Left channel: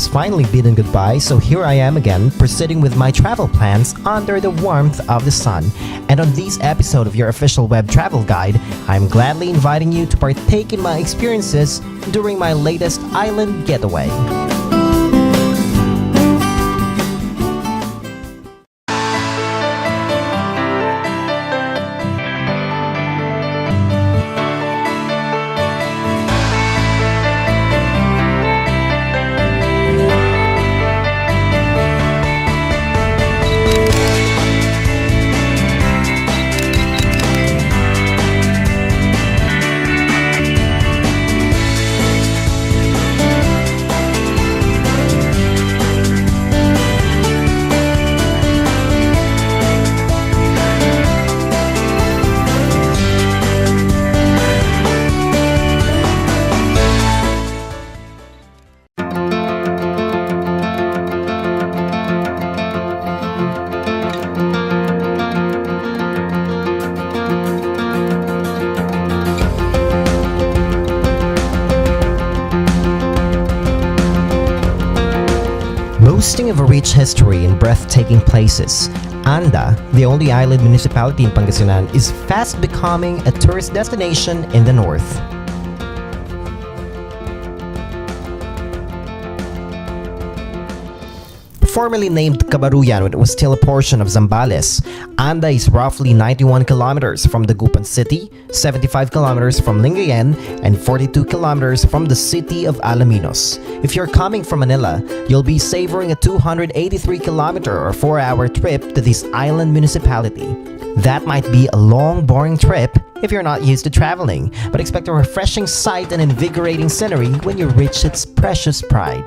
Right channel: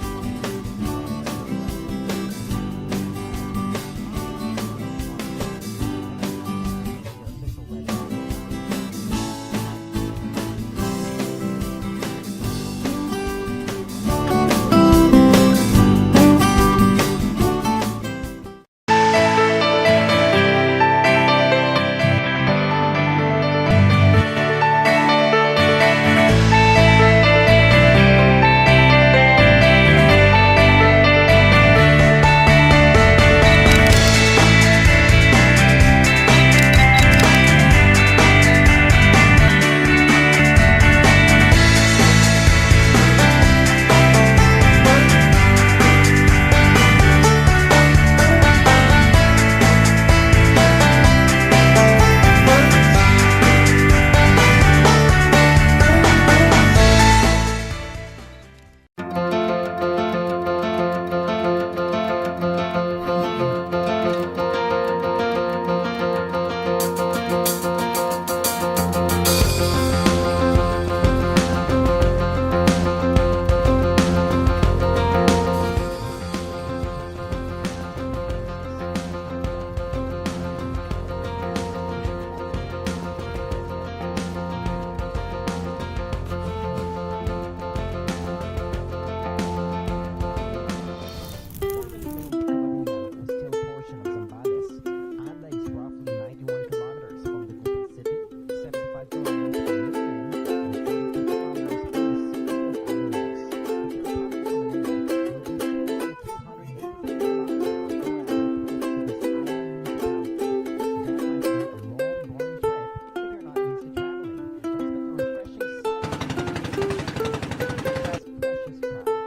has finally bidden goodbye, so here I am again, proceeding with my travel plans under the warmth of the sun. And on this episode of your official web travel guide, I'm gladly inviting you to partake in my experiences during my latest island getaway. Boasting of a rich history and breathtaking places, Anda, the only island municipality in Pangasinan, is fast becoming a tourist destination in the north. Formerly named Cabaruyan when it was still a portion of Zambales, Anda is roughly 91 kilometers from Dagupan City, 75 kilometers from Lingayen, and 42 kilometers from the city of Alaminos. If you're coming from Manila, you'll be savoring a 283-kilometer or 4-hour trip to this island municipality. That might be a long, boring trip if you're not used to traveling, but expect a refreshing sight and invigorating scenery when you reach its precious pride.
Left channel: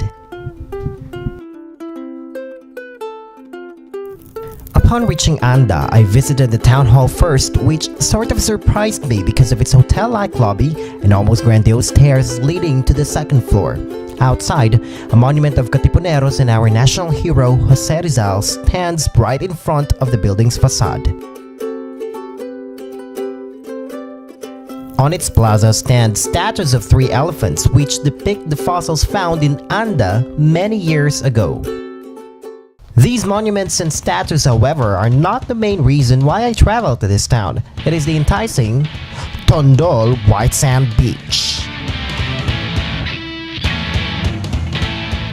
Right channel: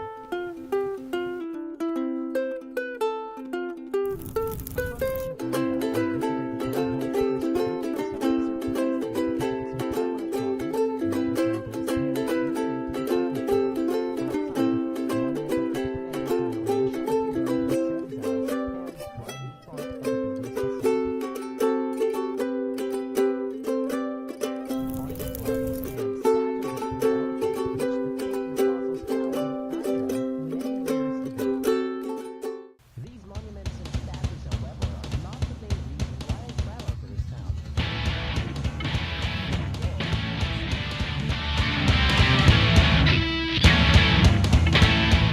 Upon reaching Anda, I visited the town hall first, which sort of surprised me because of its hotel-like lobby and almost grandiose stairs leading to the second floor. Outside, a monument of Katipuneros and our national hero Jose Rizal stands right in front of the building's facade. On its plaza stand statues of 3 elephants which depict the fossils found in Anda many years ago. These monuments and statues, however, are not the main reason why I travel to this town. It is the enticing Tondol White Sand Beach.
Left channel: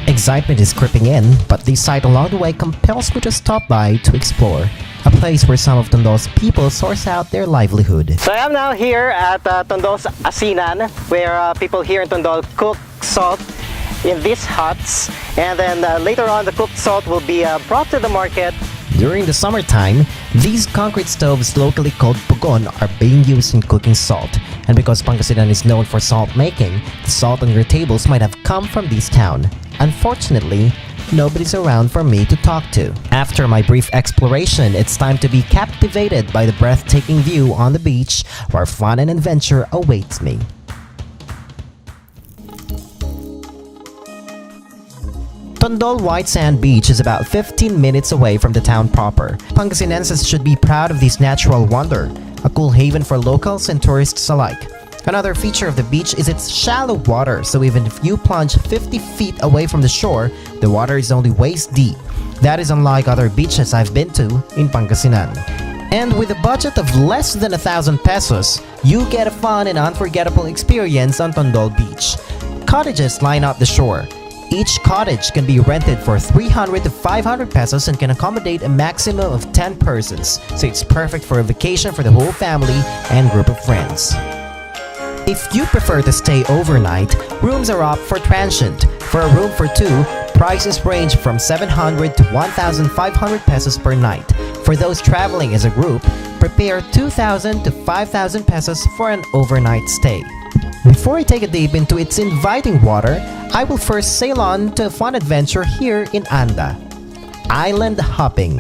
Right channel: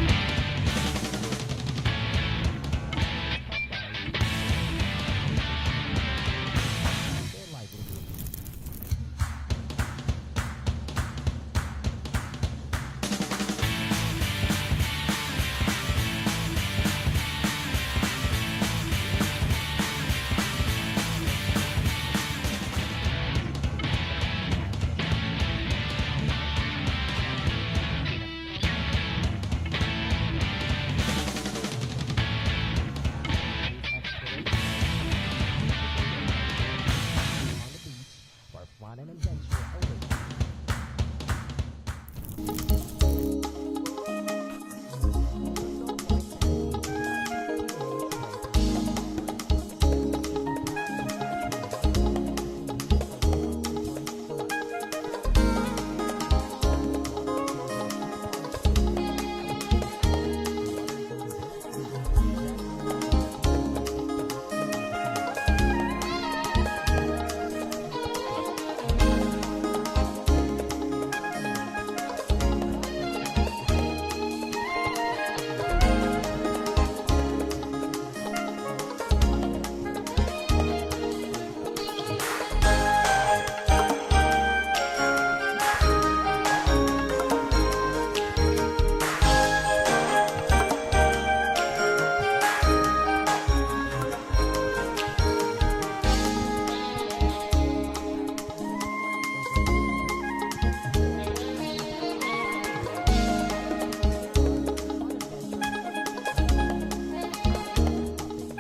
Excitement is creeping in, but this sight along the way compels me to stop by to explore. A place where some of Tondol's people source out their livelihood. So I am now here at Tondol's Asinan, where people here in Tondol cook salt in these huts, and then later on the cooked salt will be brought to the market. During the summertime, these concrete stoves, locally called pugon, are being used in cooking salt. And because Pangasinan is known for salt making, the salt on your tables might have come from this town. Unfortunately, nobody's around for me to talk to. After my brief exploration, it's time to be captivated by the breathtaking view on the beach, where fun and adventure awaits me. Tondol White Sand Beach is about 15 minutes away from the town proper. Pangasinenses should be proud of this natural wonder, a cool haven for locals and tourists alike. Another feature of the beach is its shallow water, so even if you plunge 50 feet away from the shore, the water is only waist deep. That is unlike other beaches I've been to in Pangasinan. And with a budget of less than 1,000 pesos, you get a fun and unforgettable experience on Tondol Beach. Cottages line up the shore. Each cottage can be rented for 300 to 500 pesos and can accommodate a maximum of 10 persons, so it's perfect for a vacation for the whole family and group of friends. If you prefer to stay overnight, rooms are up for transient. For a room for 2, prices range from 700 to 1,500 pesos per night. For those traveling as a group, prepare 2,000 to 5,000 pesos for an overnight stay. Before I take a dip into its inviting water, I will first sail on to a fun adventure here in Anda. Island hopping.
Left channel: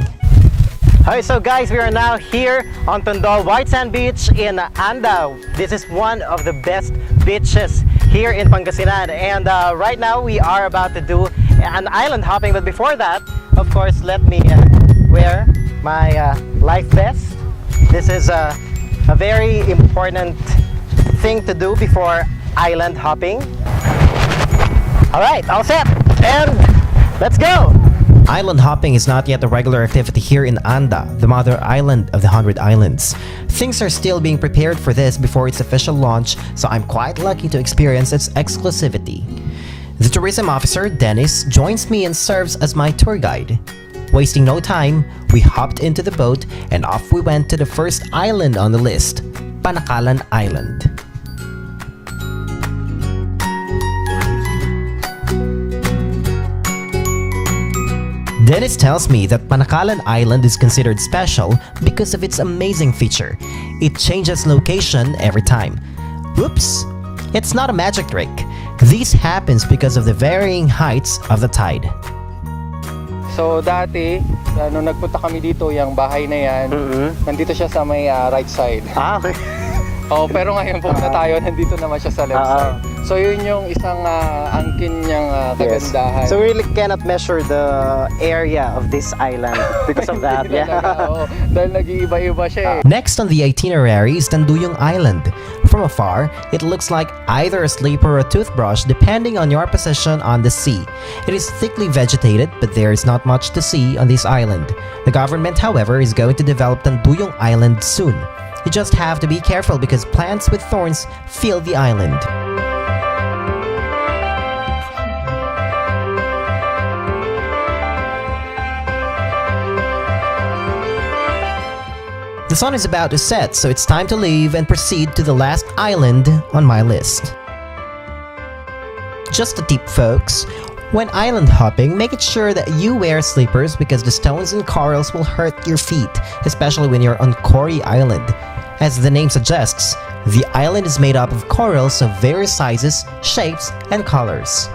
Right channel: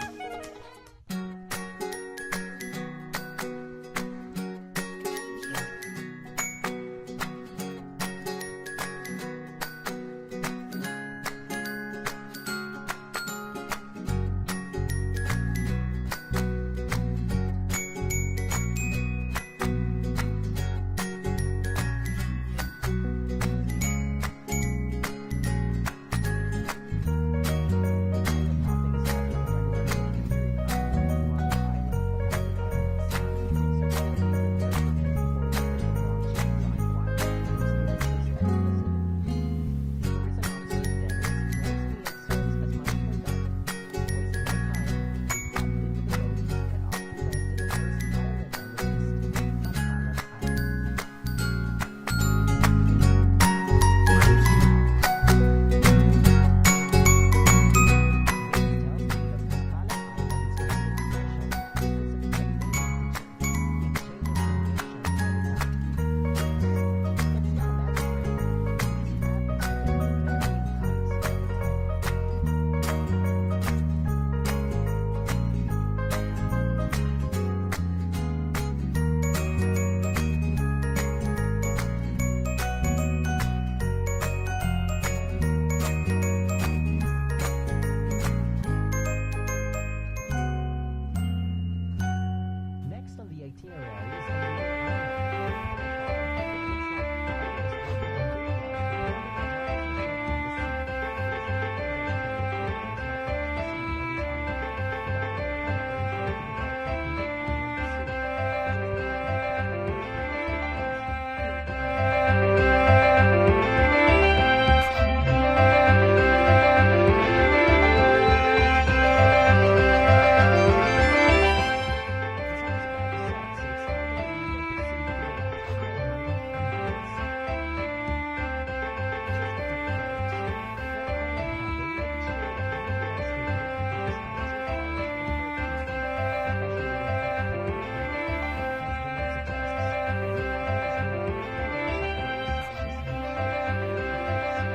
Hi, so guys, we are now here on Tondol White Sand Beach in Anda. This is one of the best beaches here in Pangasinan, and right now we are about to do an island hopping. But before that, of course, let me wear my life vest. This is a very important thing to do before island hopping. All right, all set, and Let's go! Island hopping is not yet a regular activity here in Anda, the mother island of the 100 Islands. Things are still being prepared for this before its official launch, so I'm quite lucky to experience its exclusivity. The tourism officer, Dennis, joins me and serves as my tour guide. Wasting no time, we hopped into the boat and off we went to the first island on the list, Panakalan Island. Dennis tells me that Panakalan Island is considered special because of its amazing feature. It changes location every time. Oops! It's not a magic trick. This happens because of the varying heights of the tide. So dati, nung nagpunta kami dito, yung bahay na yan, nandito siya sa may right side. Okay. Oh, pero ngayon pumunta tayo, nandito naman siya sa left side. So yun yung isang angkin niyang kagandahan. So we really cannot measure the area of this island because of that. Oo, dahil nag-iiba-iba siya eh. Next on the itinerary is Tanduyong Island. From afar, it looks like either a sleeper or a toothbrush depending on your position on the sea. It is thickly vegetated, but there is not much to see on this island. The government, however, is going to develop Tanduyong Island soon. You just have to be careful because plants with thorns fill the island. The sun is about to set, so it's time to leave and proceed to the last island on my list. Just a tip, folks. When island hopping, make it sure that you wear slippers because the stones and corals will hurt your feet, especially when you're on Cory Island. As the name suggests, the island is made up of corals of various sizes, shapes, and colors.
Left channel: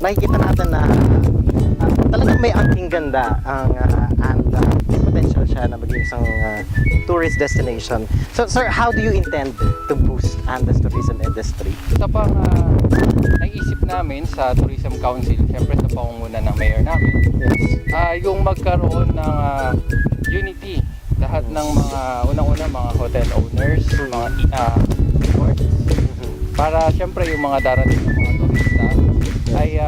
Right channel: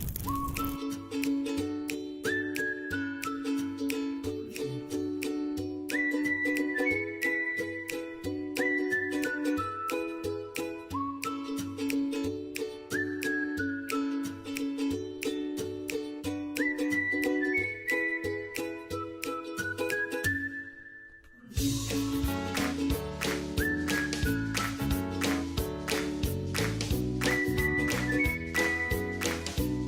Nakikita natin na talagang may angking ganda ang Anda. May potential siya na maging isang tourist destination. So sir, how do you intend to boost Anda's tourism industry? Isa pang naisip namin sa Tourism Council, siyempre sa pangunguna ng mayor namin, yung magkaroon ng unity. Lahat ng mga unang-una mga hotel owners, mga resorts, para siyempre yung mga darating ng mga turista ay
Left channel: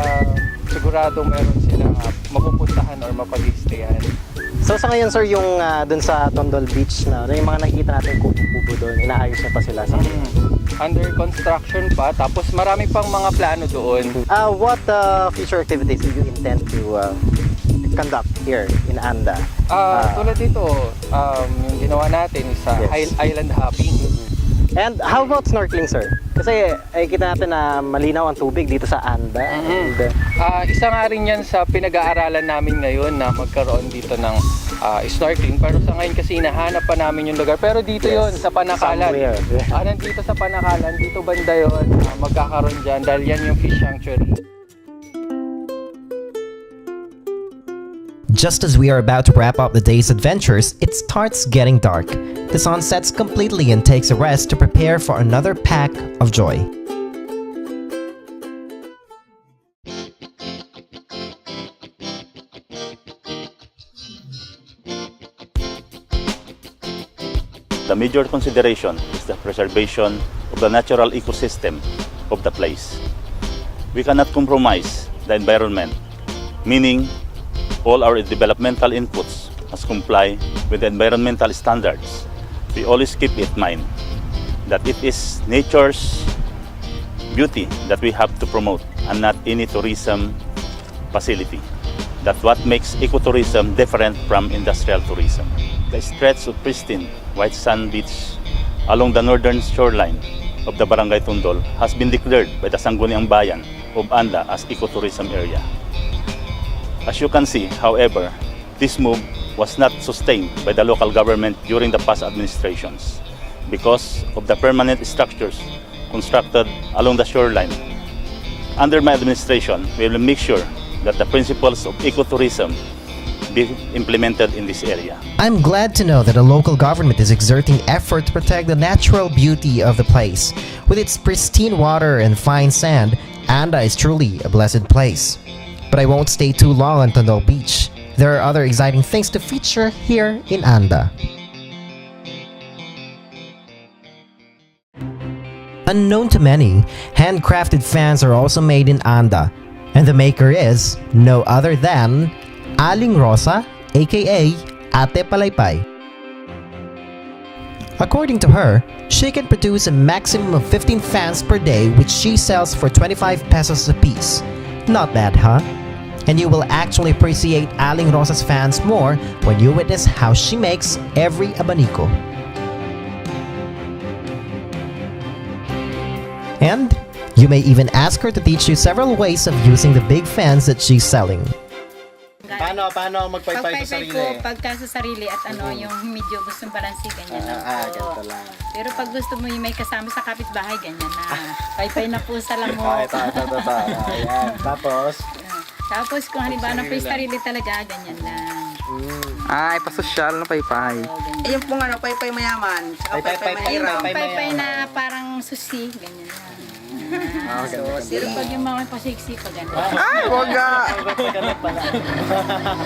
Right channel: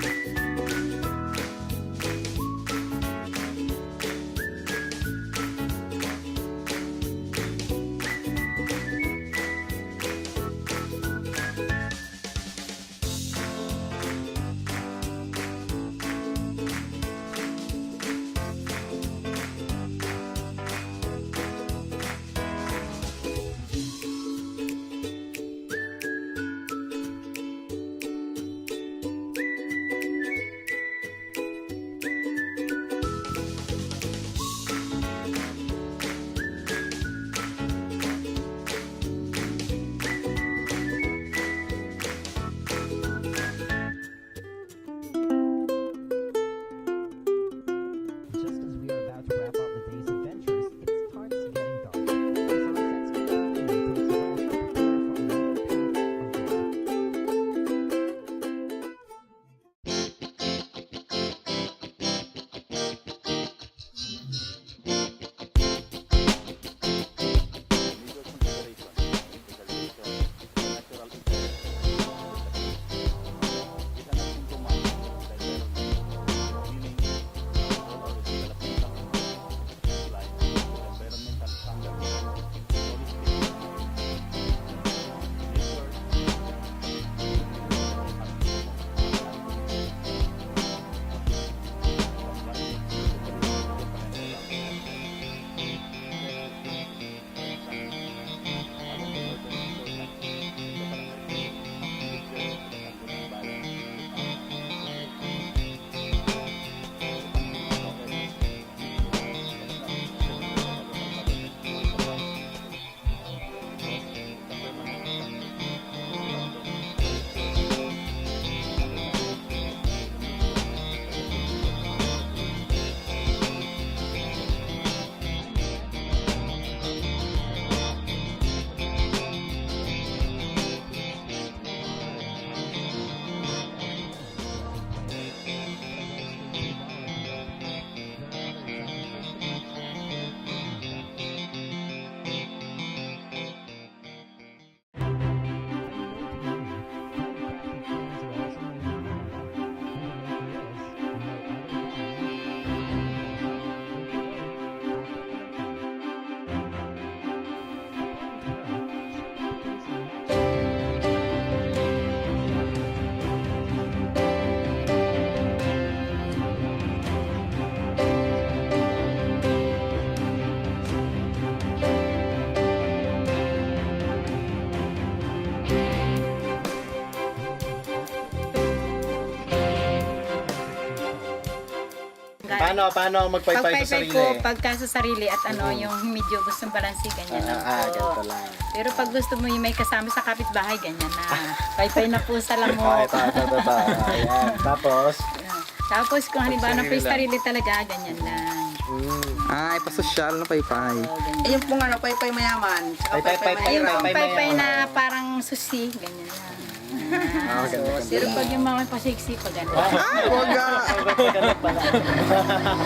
sigurado meron silang mapupuntahan o mapag-stayan. So sa ngayon sir, yung dun sa Tondol Beach na yung mga nakikita natin kubo-kubo doon, inaayos na pa sila sa under construction pa, tapos marami pang mga plano doon. What future activities do you intend to conduct here in Anda? Tulad dito, yung ginawa natin sa island hopping. And how about snorkeling, sir? Kasi kita natin na malinaw ang tubig dito sa Anda. Isa nga rin yan sa pinag-aaralan namin ngayon na magkaroon dito ng snorkeling. Pero sa ngayon kasi hinahanap pa namin yung lugar. Pero dito yon sa Panakalan. Nandito sa Panakalan, dito banda yun. Magkakaroon dyan dahil yan yung fish sanctuary. Just as we are about to wrap up the day's adventures, it starts getting dark. The sun sets completely and takes a rest to prepare for another pack of joy. The major consideration is the preservation of the natural ecosystem of the place. We cannot compromise the environment, meaning all our developmental inputs must comply with the environmental standards. We always keep in mind that it is nature's beauty that we have to promote and not any tourism facility. That's what makes ecotourism different from industrial tourism. The stretch of pristine white sand beach along the northern shoreline of the Barangay Tundol has been declared by the Sangguniang Bayan of Anda as ecotourism area. As you can see, however, this move was not sustained by the local government during the past administrations because of the permanent structures constructed along the shoreline. Under my administration, we will make sure that the principles of ecotourism be implemented in this area. I'm glad to know that the local government is exerting effort to protect the natural beauty of the place. With its pristine water and fine sand, Anda is truly a blessed place. But I won't stay too long on Tondol Beach. There are other exciting things to feature here in Anda. Unknown to many, handcrafted fans are also made in Anda, and the maker is no other than Aling Rosa, aka Ate Palaypay. According to her, she can produce a maximum of 15 fans per day, which she sells for 25 pesos a piece. Not bad, huh? And you will actually appreciate Aling Rosa's fans more when you witness how she makes every abanico. And you may even ask her to teach you several ways of using the big fans that she's selling. Paano magpaypay sa sarili? Ko, pagka sa sarili at yung medyo gustong balansi, ganyan lang po. Ganito lang. Pero pag gusto mo yung may kasama sa kapitbahay, ganyan na. Paypay na po sa lamok. Ayan. Tapos kung halimbawa na po yung sarili talaga, ganyan lang. Ipasosyal na paypay. Ganyan. Yung pong paypay mayaman, saka paypay Yung mahirap. paypay na parang susi, ganyan lang. Pero pag yung mga pasiksi, pag gano'n. Ay, wag ka!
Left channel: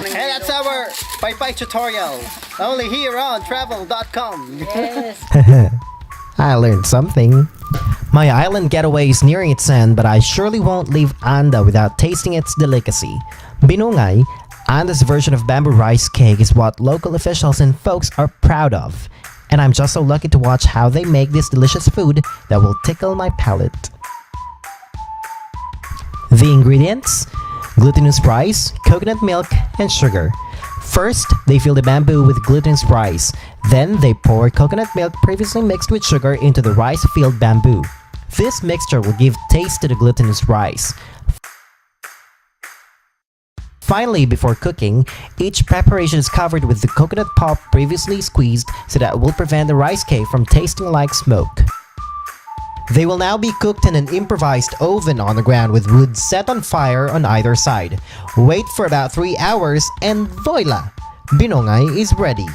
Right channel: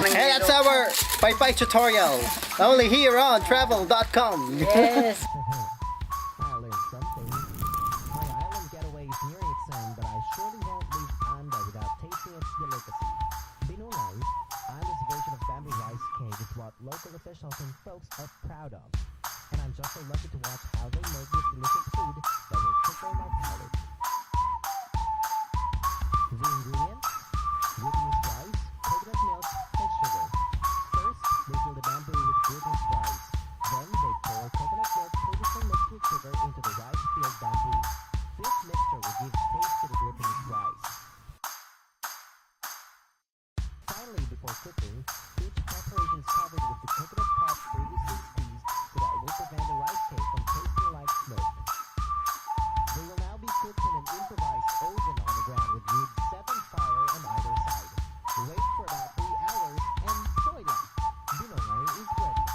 And that's our paypay tutorial. Only here on Traveldotcom. Yes. I learned something. My island getaway is nearing its end, but I surely won't leave Anda without tasting its delicacy. Binungay, Anda's version of bamboo rice cake, is what local officials and folks are proud of. And I'm just so lucky to watch how they make this delicious food that will tickle my palate. The ingredients: glutinous rice, coconut milk, and sugar. First, they fill the bamboo with glutinous rice. Then, they pour coconut milk previously mixed with sugar into the rice-filled bamboo. This mixture will give taste to the glutinous rice. Finally, before cooking, each preparation is covered with the coconut pulp previously squeezed so that it will prevent the rice cake from tasting like smoke. They will now be cooked in an improvised oven on the ground with wood set on fire on either side. Wait for about 3 hours and voila! Binongay is ready.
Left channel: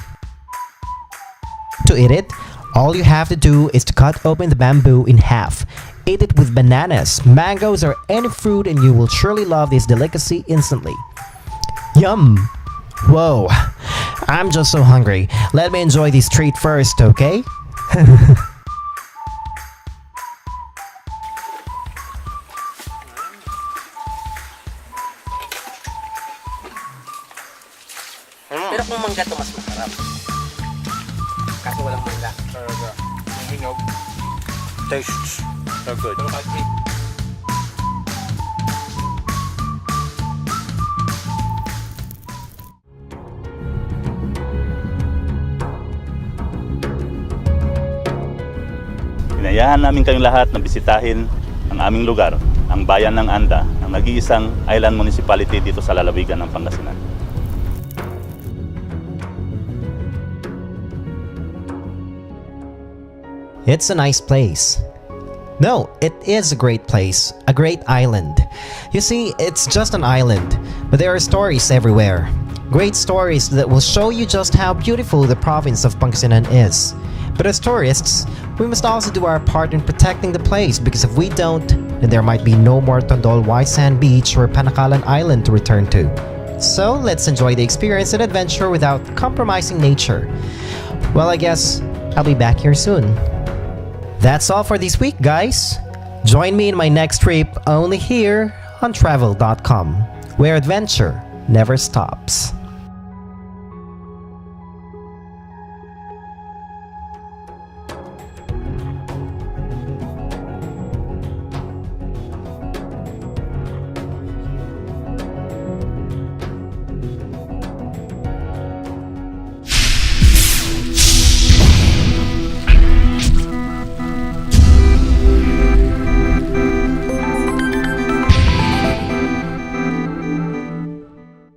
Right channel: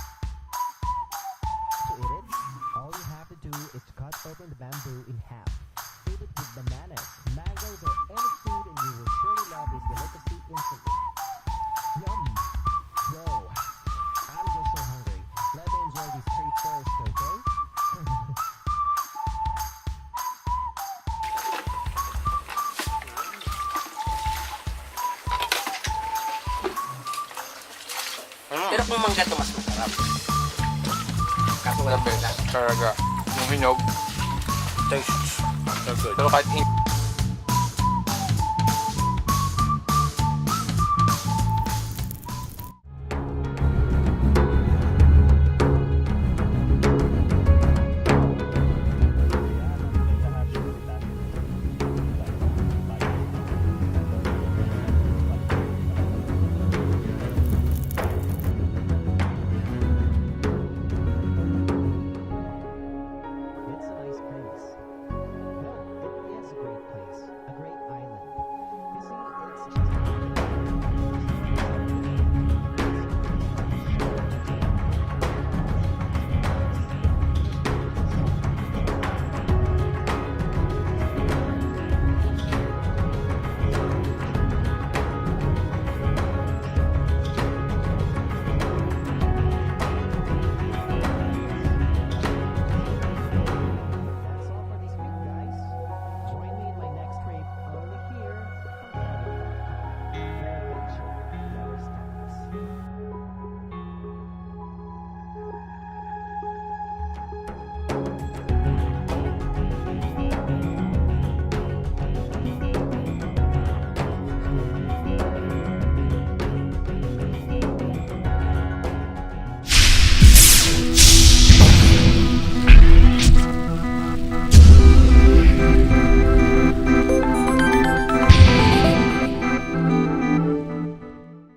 To eat it, all you have to do is to cut open the bamboo in half. Eat it with bananas, mangoes, or any fruit and you will surely love this delicacy instantly. Yum! Whoa! I'm just so hungry. Let me enjoy this treat first, okay? Pero kung mangga to mas masarap. Kaso walang mangga. Talaga. Yung hinog. Tastes so good. Pero kahit Inayahan namin kayong lahat na bisitahin ang aming lugar, ang bayan ng Anda, ang nag-iisang island municipality dito sa lalawigan ng Pangasinan. It's a nice place. No, it is a great place, a great island. You see, it's just an island, but there are stories everywhere. Great stories that will show you just how beautiful the province of Pangasinan is. But as tourists, we must also do our part in protecting the place, because if we don't, then there might be no more Tondol White Sand Beach or Panakalan Island to return to. So let's enjoy the experience and adventure without compromising nature. Well, I guess I'll be back here soon. That's all for this week, guys. Join me in my next trip only here on Traveldotcom, where adventure never stops.